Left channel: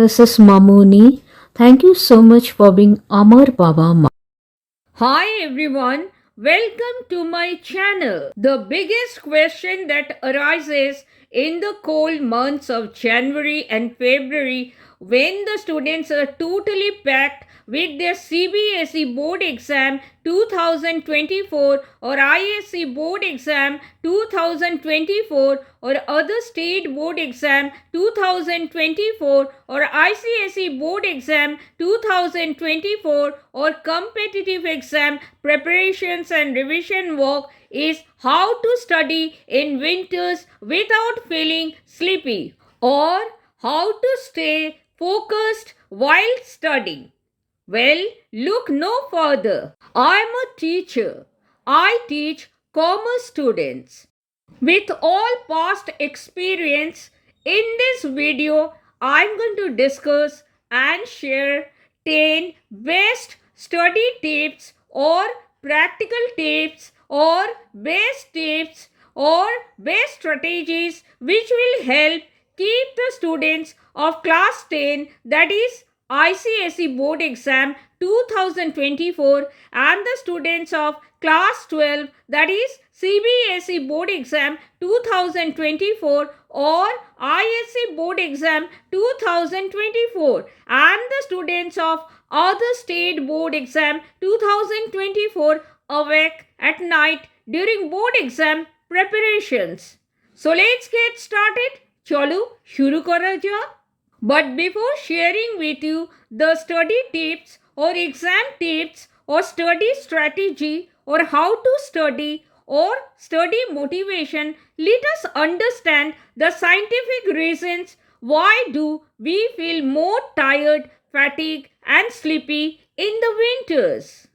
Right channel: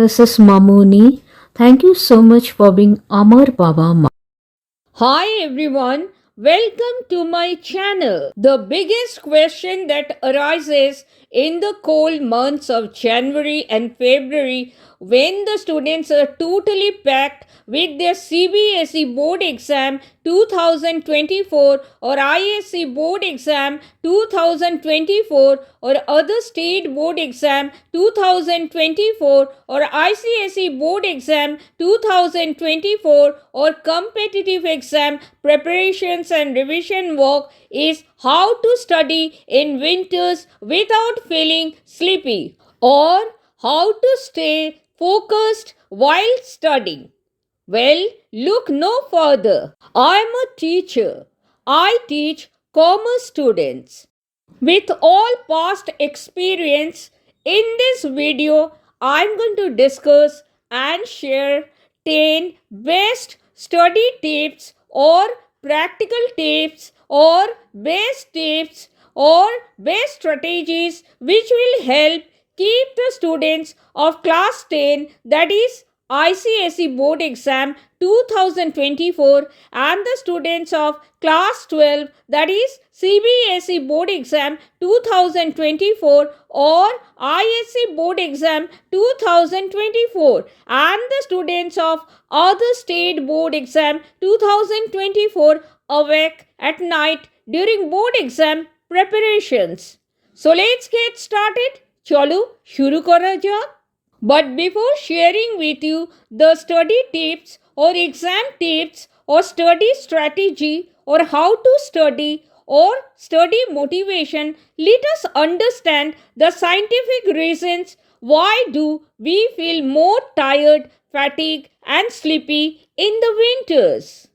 This is Mamuni. Thank you so much for being Amar Baba. Hi everyone, welcome to my channel. The biggest question that arises in the cold months of January and February when the students are totally packed with their CBSE board exam 2024 or ISC board exam 2024 or other state board exam 2024 or ICSE board exam 2024 or competitive exam preparations and revision work is how to study in winters without feeling sleepy or how to stay focused while studying. Well, look no further. I am a teacher. I teach commerce students. With all past experience, in this video, I am going to discuss and share 10 best study tips or practical tips or best tips or best strategies which will help keep the students of class 10, that is ICSE board exam 2024, and the students of class 12, that is CBSE board exam 2024 or ISC board exam 2024, and the students of other state board exam 2024 awake at night during board exam preparations. So let's get started. चलो शुरू करा जाए. But before sharing with you the study tips or exam tips or study strategy or how to study or study motivation, let us understand the scientific reasons why do we feel more tired, fatigued and sleepy in the winters.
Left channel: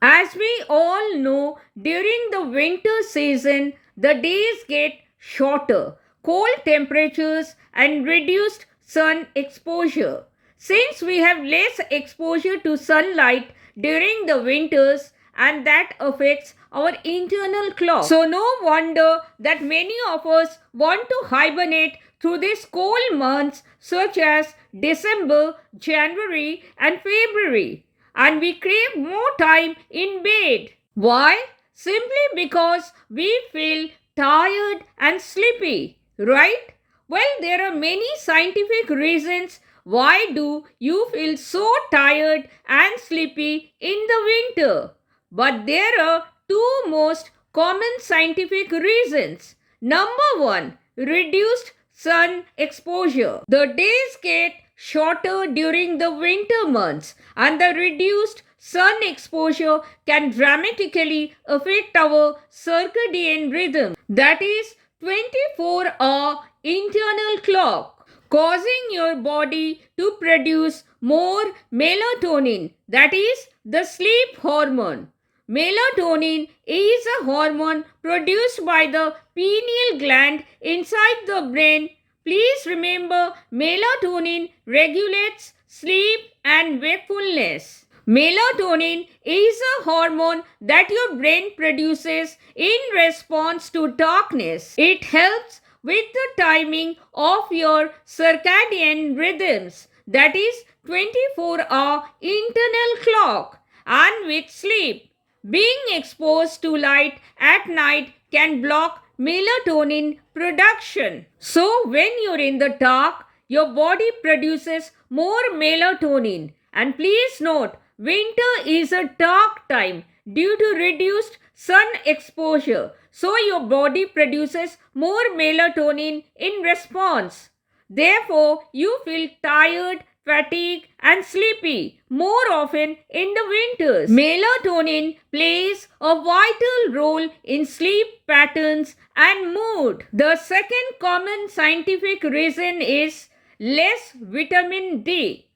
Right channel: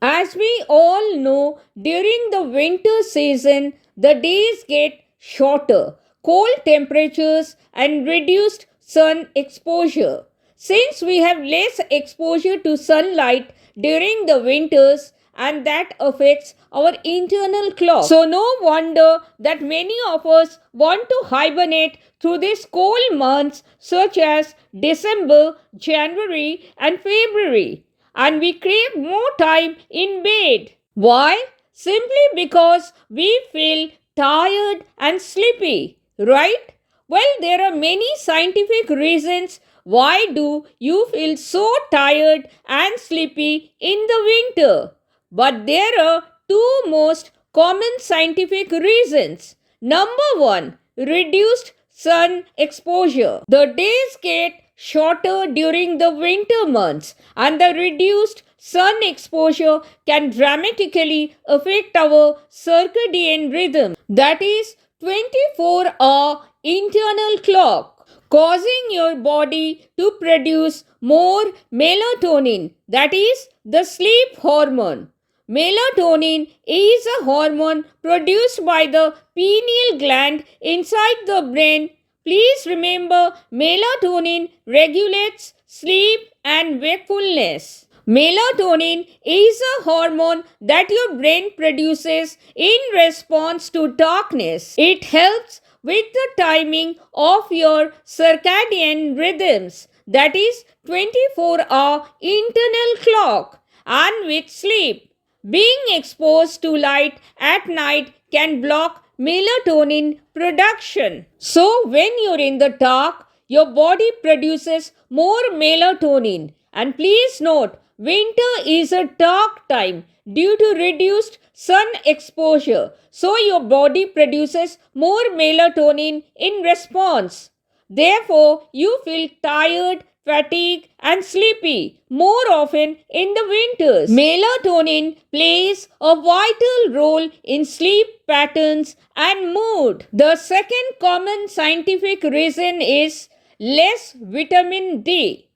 As we all know, during the winter season, the days get shorter, cold temperatures and reduced sun exposure. Since we have less exposure to sunlight during the winters, and that affects our internal clock. So no wonder that many of us want to hibernate through these cold months such as December, January and February, and we crave more time in bed. Why? Simply because we feel tired and sleepy, right? Well, there are many scientific reasons why do you feel so tired and sleepy in the winter. But there are two most common scientific reasons. Number one, reduced sun exposure. The days get shorter during the winter months, and the reduced sun exposure can dramatically affect our circadian rhythm, that is 24-hour internal clock, causing your body to produce more melatonin, that is the sleep hormone. Melatonin is a hormone produced by the pineal gland inside the brain. Please remember, melatonin regulates sleep and wakefulness. Melatonin is a hormone that your brain produces in response to darkness. It helps with the timing of your circadian rhythms, that is 24-hour internal clock, and with sleep. Being exposed to light at night can block melatonin production. So when you're in the dark, your body produces more melatonin. And please note, winter is a dark time due to reduced sun exposure. So your body produces more melatonin in response. Therefore, you feel tired, fatigued and sleepy more often in the winters. Melatonin plays a vital role in sleep patterns and mood. The second common scientific reason is less vitamin D.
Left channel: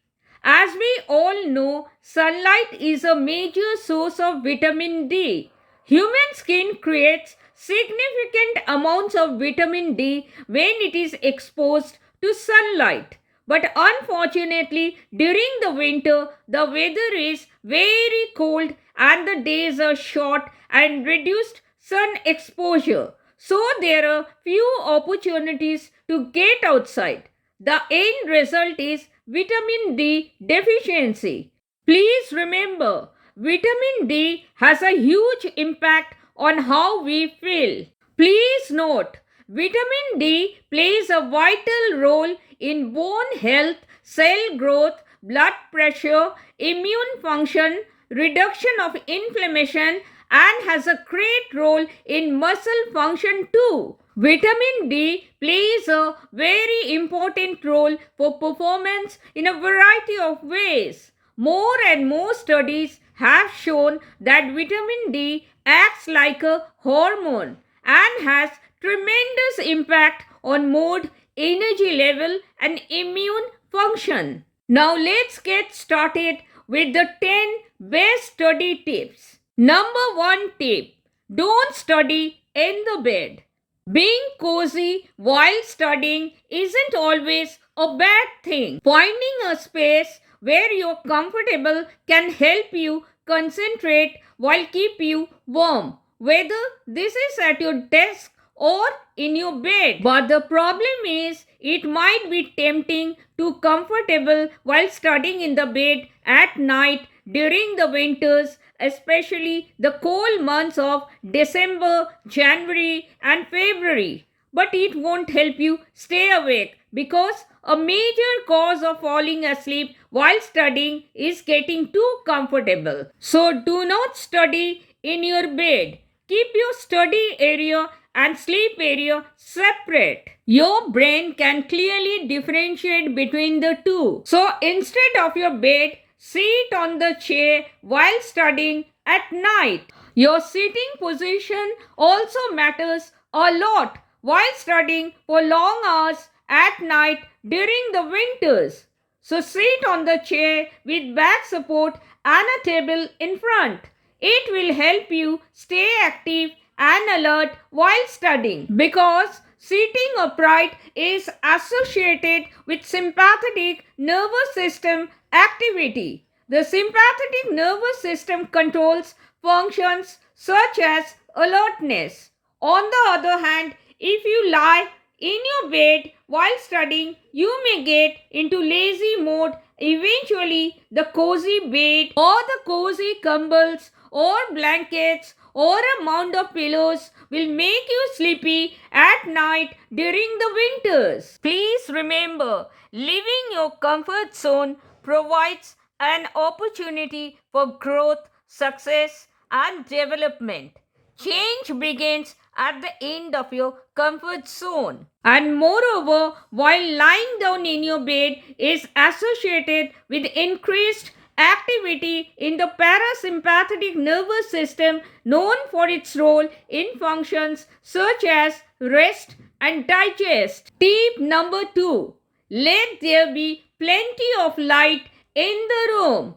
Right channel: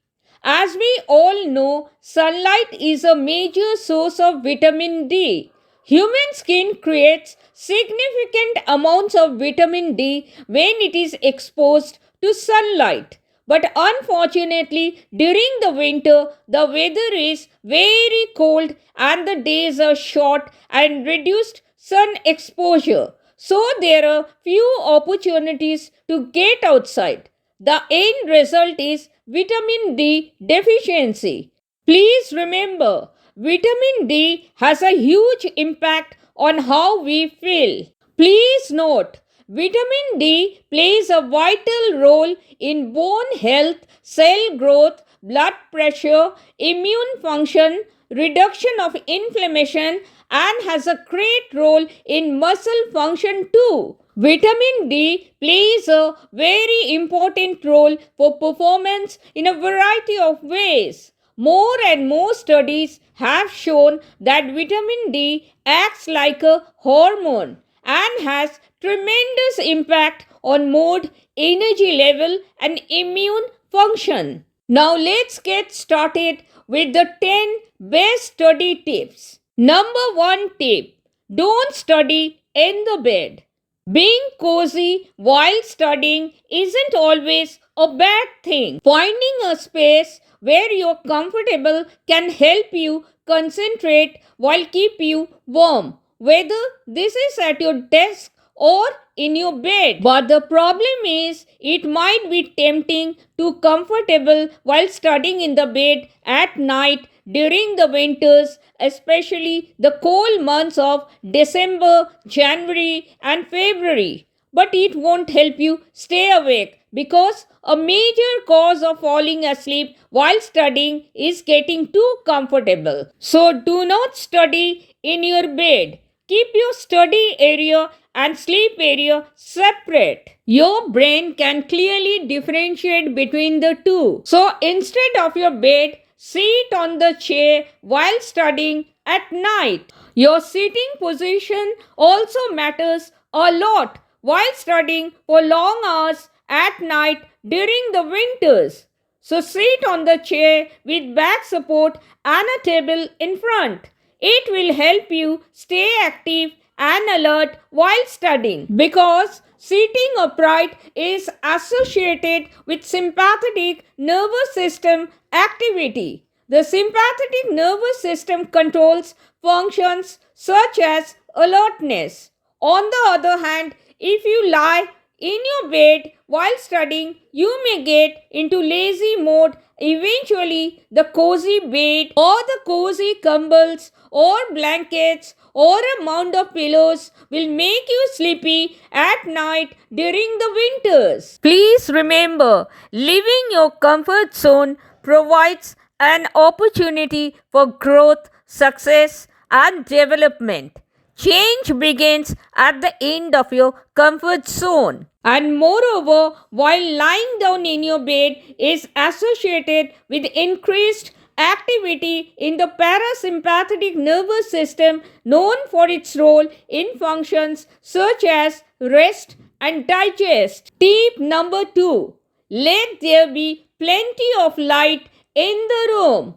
As we all know, sunlight is a major source of vitamin D. Human skin creates significant amounts of vitamin D when it is exposed to sunlight. But unfortunately, during the winter, the weather is very cold and the days are short and reduced sun exposure. So there are few opportunities to get outside. The end result is vitamin D deficiency. Please remember, vitamin D has a huge impact on how we feel. Please note, vitamin D plays a vital role in bone health, cell growth, blood pressure, immune function, reduction of inflammation, and has a great role in muscle function too. Vitamin D plays a very important role for performance in a variety of ways. More and more studies have shown that vitamin D acts like a hormone and has tremendous impact on mood, energy level, and immune function. Now let's get started with the 10 best study tips. Number 1 tip: don't study in the bed. Being cozy while studying isn't always a bad thing. Finding a space where you're comfortable can help you concentrate while keep you warm, whether this is at your desk or in your bed. But the problem is it might be tempting to comfortable while studying in the bed at night during the winters, especially the cold months of December, January, and February. But it won't help you stay awake because a major cause of falling asleep while studying is getting too comfortable. So do not study in your bed. Keep your study area and sleep area separate. Your brain can clearly differentiate between the two. So instead of your bed, sit on the chair while studying at night. Your sitting position also matters a lot while studying for long hours at night during the winters. So sit on the chair with back support and a table in front. It will help you stay active and alert while studying because sitting upright is associated with sympathetic nervous system activity. The sympathetic nervous system controls functions such as alertness. On the other hand, if you lie in your bed while studying, you may get into lazy mode. Eventually, the cozy bed or the cozy combles or blankets or a mound of pillows will make you sleepy at night during the winters. Please remember, leaving your comfort zone provides an opportunity for growth, success, and development. Change begins at the end of your comfort zone. And moreover, while lying down in your bed is associated with increased activity in the parasympathetic nervous system, known for its role in functions such as rest and digest. Tip number 2: let there be plenty of light in the room.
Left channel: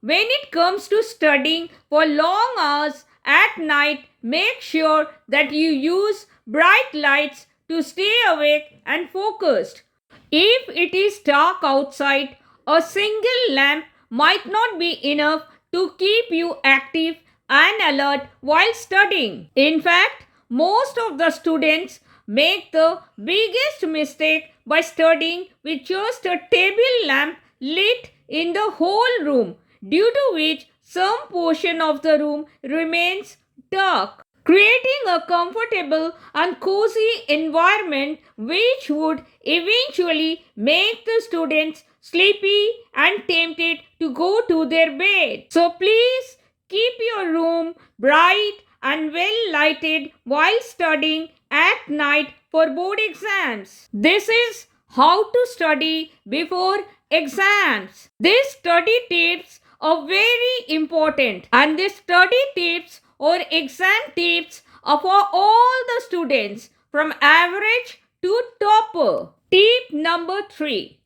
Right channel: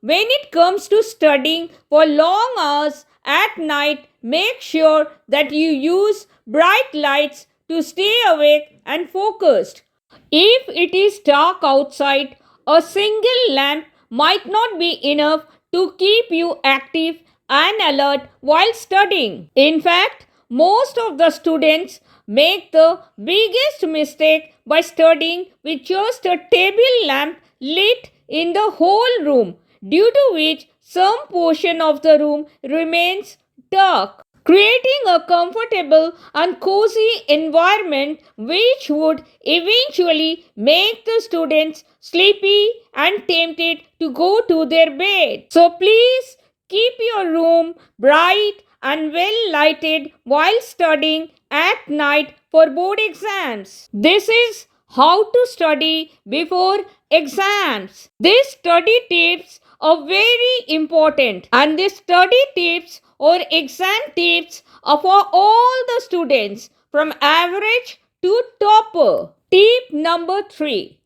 When it comes to studying for long hours at night, make sure that you use bright lights to stay awake and focused. If it is dark outside, a single lamp might not be enough to keep you active and alert while studying. In fact, most of the students make the biggest mistake by studying with just a table lamp lit in the whole room, due to which some portion of the room remains dark, creating a comfortable and cozy environment which would eventually make the students sleepy and tempted to go to their bed. So please keep your room bright and well lighted while studying at night for board exams. This is how to study before exams. These study tips are very important, and these study tips or exam tips are for all the students from average to topper. Tip number 3:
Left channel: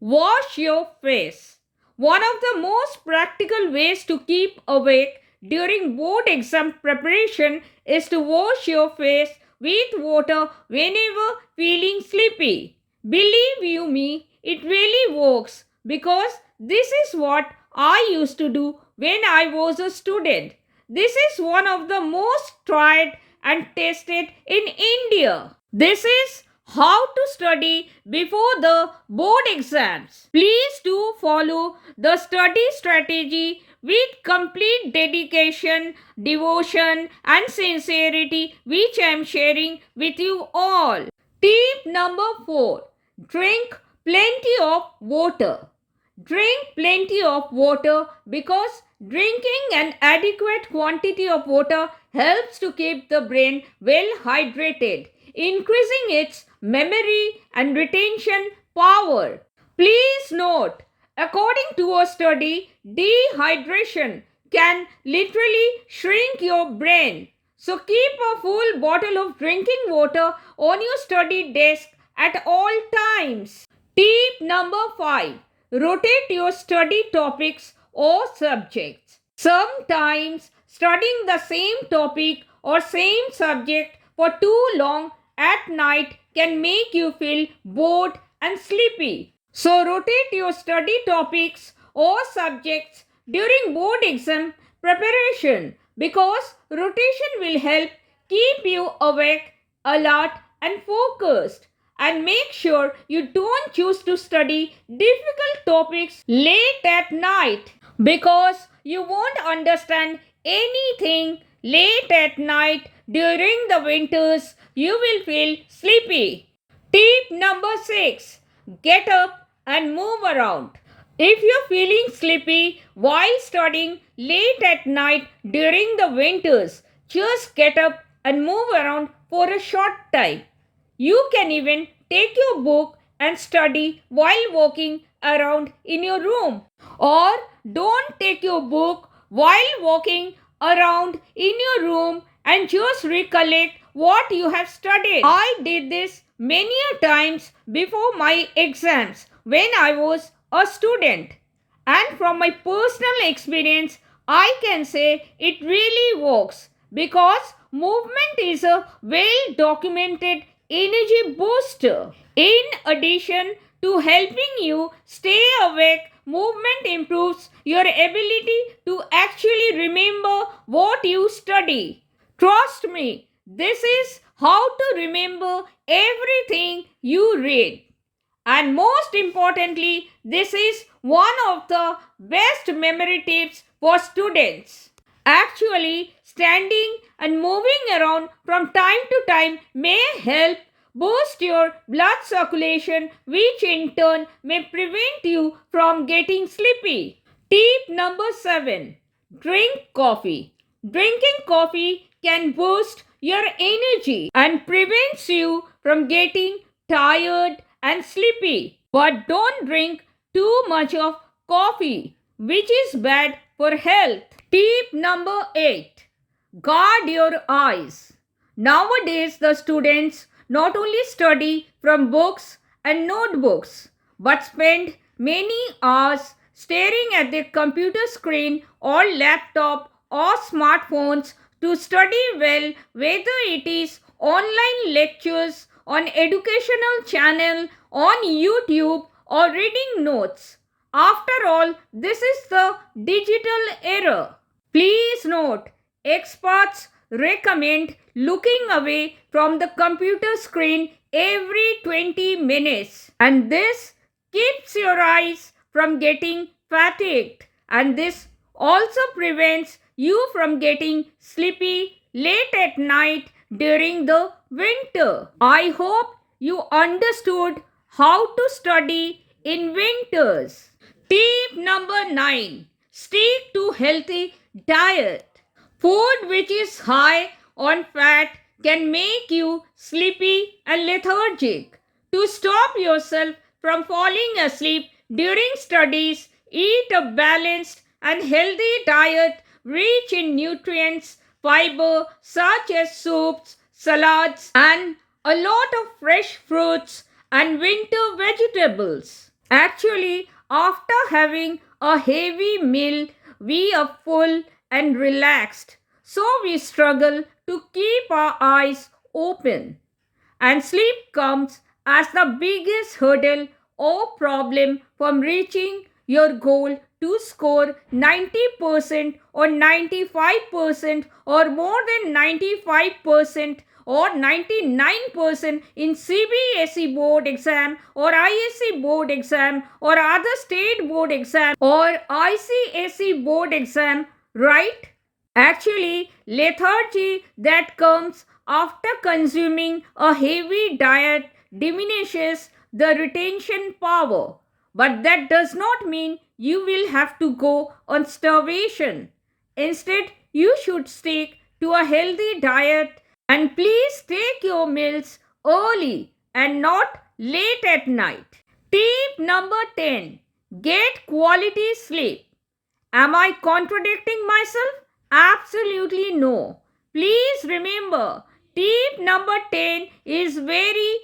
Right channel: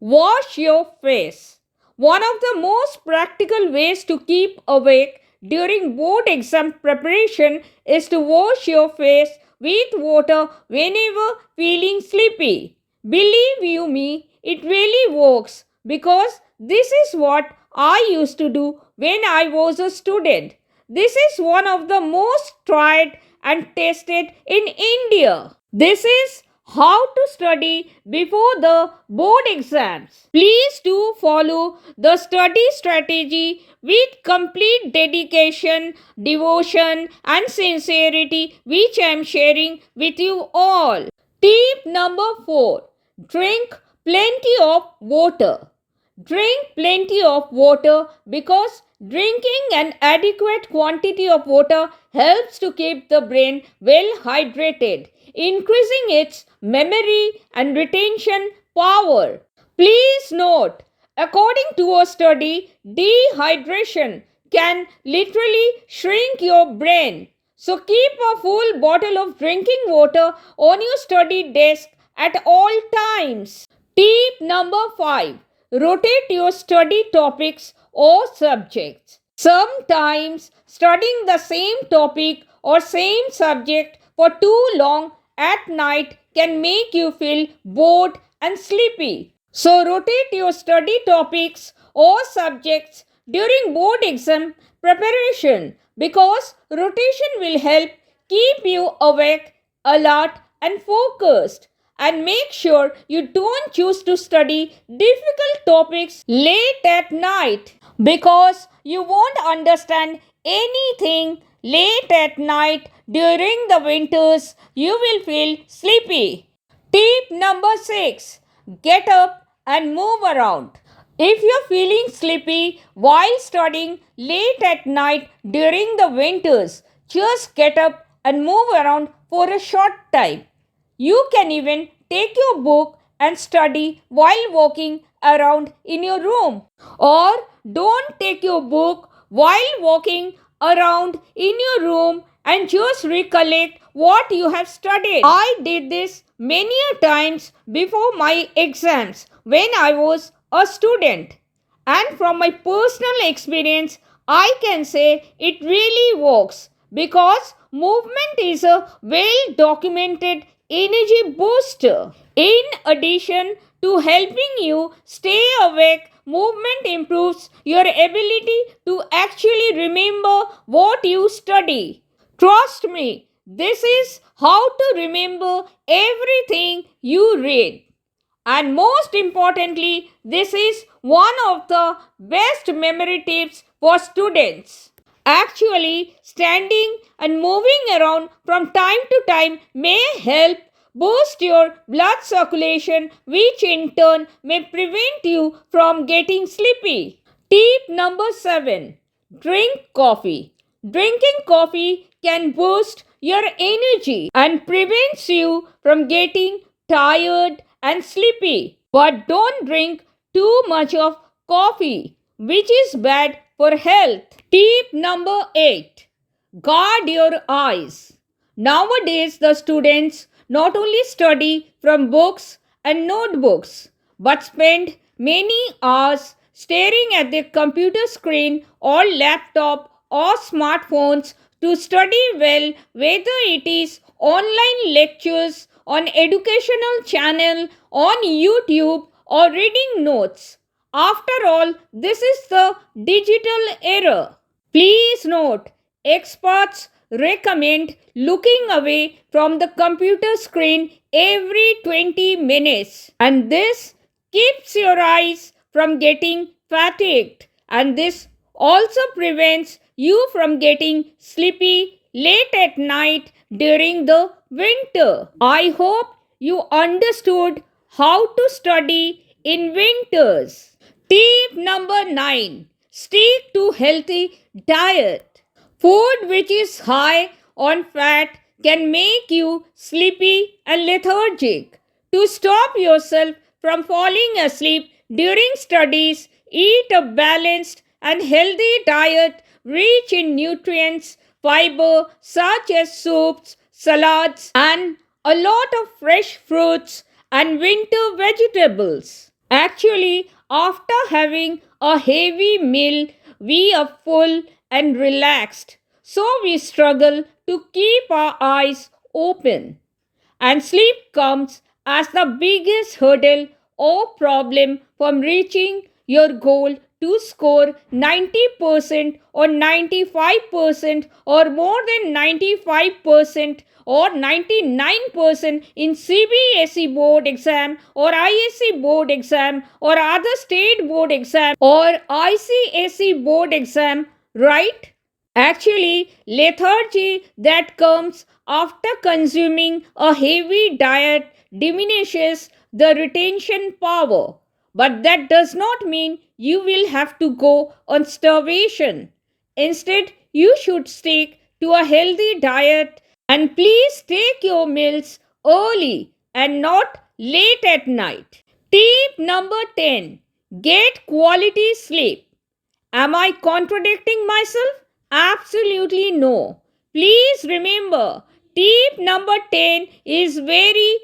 wash your face. One of the most practical ways to keep awake during board exam preparation is to wash your face with water whenever feeling sleepy. Believe you me, it really works because this is what I used to do when I was a student. This is one of the most tried and tested in India. This is how to study before the board exams. Please do follow the study strategy with complete dedication, devotion, and sincerity, which I am sharing with you all. Tip number 4: drink plenty of water. Drink plenty of water because drinking an adequate quantity of water helps to keep the brain well hydrated, increasing its memory and retention power. Please note, according to a study, dehydration can literally shrink your brain. So keep a full bottle of drinking water on your study desk at all times. Tip number 5: rotate your study topics or subjects. Sometimes studying the same topic or same subject for too long at night can make you feel bored and sleepy. So rotate your study topics or subjects during board exam preparation because rotation will help keep you awake, alert, and focused. And make sure you don't choose to study difficult topics late at night because you won't understand anything late at night during the winters. You will feel sleepy. Tip number 6: get up and move around. If you're feeling sleepy while studying late at night during the winters, just get up and move around for a short time. You can even take your book and study while walking around in your room. Or don't take your book while walking around in your room and just recollect what you have studied. I did this many times before my exams when I was a student. And from my personal experience, I can say it really works because movement is a well documented energy booster. In addition to helping you stay awake, movement improves your ability to actually remember what you study. Trust me, this is how to remember everything you read. And most importantly, this is one of the best memory tips for students. Actually, standing and moving around from time to time may help boost your blood circulation, which in turn may prevent you from getting sleepy. Tip number 7: drink coffee. Drinking coffee can boost your energy and prevents you from getting tired and sleepy. But don't drink too much of coffee, which is bad for health. Tip number 8: guard your eyes. Nowadays, the students not only study from books and notebooks but spend many hours staring at their computer screen or laptop or smartphones to study well, whether it is online lectures on educational channel on YouTube or reading notes. After all, this is the digital era. Please note, experts recommend looking away from the computer screen every 20 minutes, and this keeps your eyes from getting fatigued, and this also prevents you from getting sleepy late at night during the winter. I hope you understood how to study in winters. Tip number 9: stick to healthy diet. Food which is high on fat can make you sleepy and lethargic. To stop yourself from falling asleep during studies, eat a balanced and healthy diet rich in nutrients, fiber such as soups, salads, and a lot of fresh fruits and winter vegetables. Actually, after having a heavy meal, we are full and relaxed. So we struggle to keep our eyes open. And sleep comes as the biggest hurdle or problem from reaching your goal to score 90% or 95% or more than 95% or 99% in CBSE board exam or ISC board exam or other state board exam or ICSE board exam, right? Actually, lethargy that comes after consuming a heavy diet diminishes the retention power. But that does not mean you will have to go on starvation. Instead, you should stick to a healthy diet and please take your meals early and not late at night. Tip number 10: get quality sleep. Am I contradicting myself? Absolutely no. Please remember, tip number 10 is very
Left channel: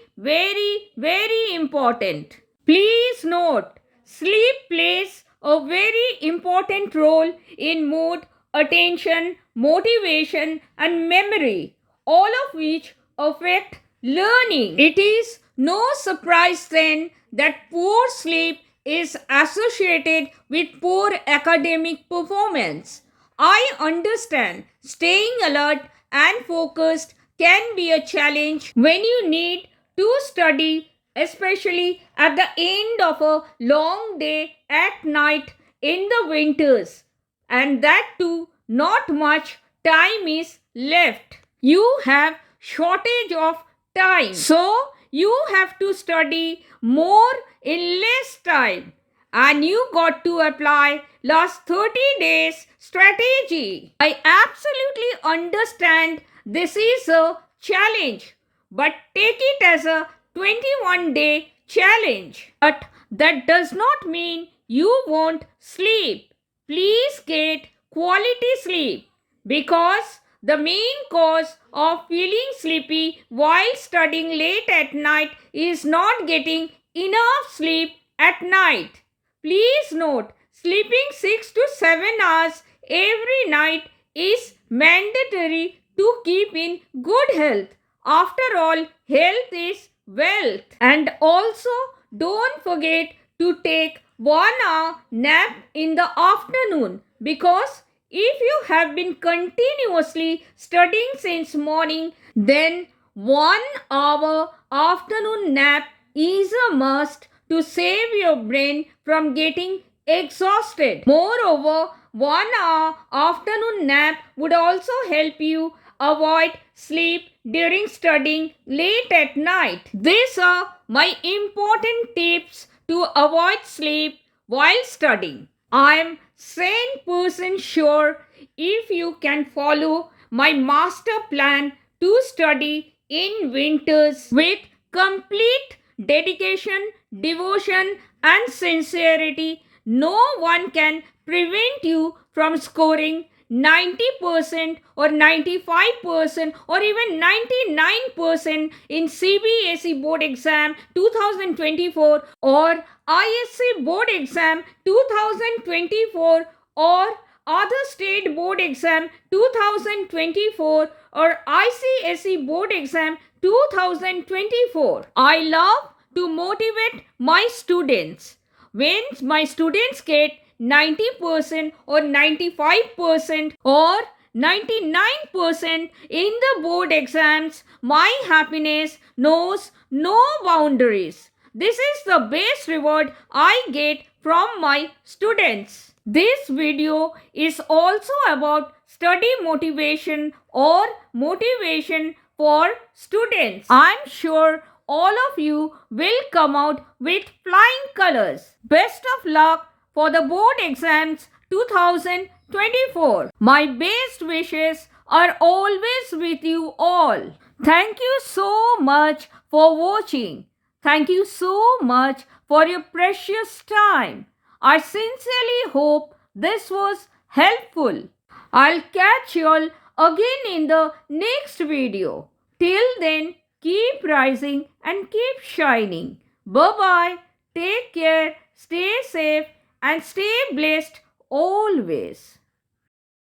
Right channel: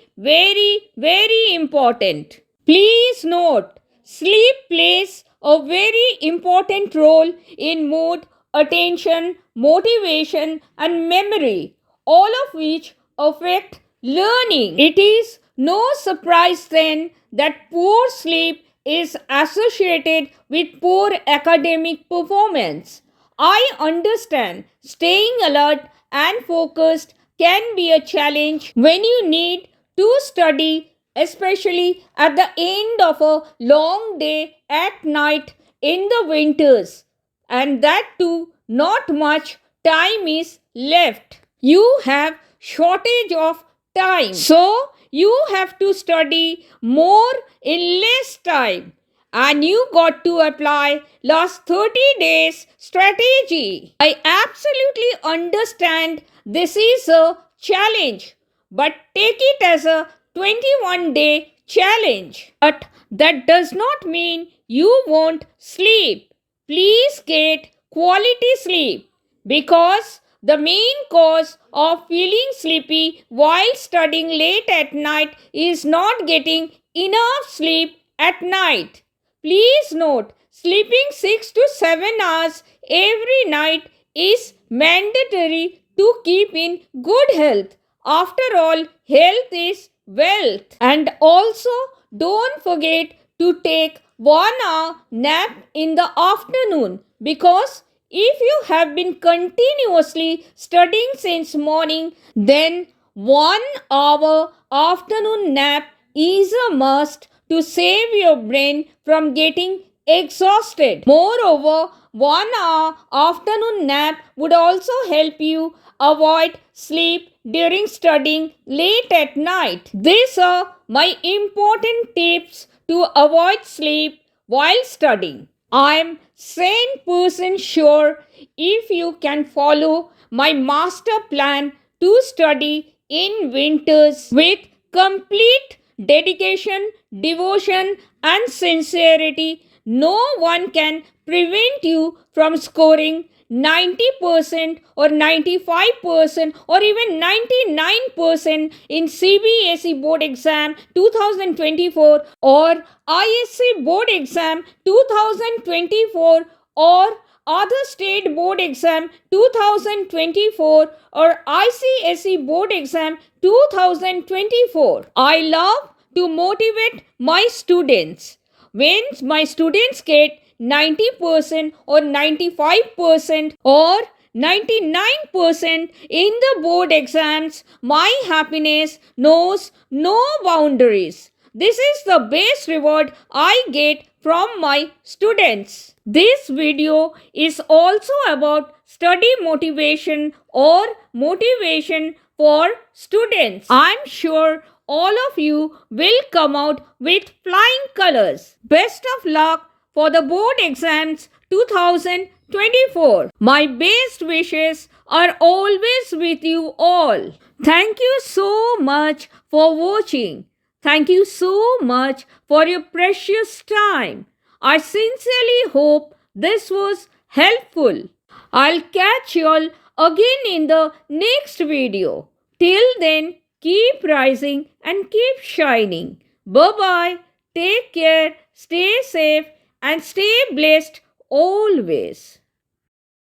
important. Please note, sleep plays a very important role in mood, attention, motivation, and memory, all of which affect learning. It is no surprise then that poor sleep is associated with poor academic performance. I understand staying alert and focused can be a challenge when you need to study, especially at the end of a long day at night in the winters, and that too not much time is left. You have shortage of time, so you have to study more in less time, and you got to apply last 30 days strategy. I absolutely understand this is a challenge, but take it as a 21-day challenge. But that does not mean you won't sleep. Please get quality sleep, because the main cause of feeling sleepy while studying late at night is not getting enough sleep at night. Please note, sleeping 6 to 7 hours every night is mandatory to keep in good health. After all, health is wealth. And also, don't forget to take 1 hour nap in the afternoon, because if you have been continuously studying since morning, then 1 hour afternoon nap is a must to save your brain from getting exhausted. Moreover, 1 hour afternoon nap would also help you avoid sleep during studying late at night. These are my important tips to avoid sleep while studying. I am 100% sure if you can follow my master plan to study in winters with complete dedication, devotion, and sincerity, no one can prevent you from scoring 90% or 95% or even 99% in CBSE board exam 2024 or ISC board exam 2024 or other state board exam 2024 or ICSE board exam 2024. I love to motivate my students. When my students get 90% or 95% or 99% in the board exams, my happiness knows no boundaries. This is the best reward I get from my students. This video is also about study motivation or motivation for students. I'm sure all of you will come out with flying colors. Best of luck for the board exams 2024. My best wishes are always with you all. Thank you so much for watching. Thank you so much for your precious time. I sincerely hope this was helpful. I'll catch you all again in the next video. Till then, keep rising and keep shining. Bye-bye. Take care, stay safe, and stay blessed always.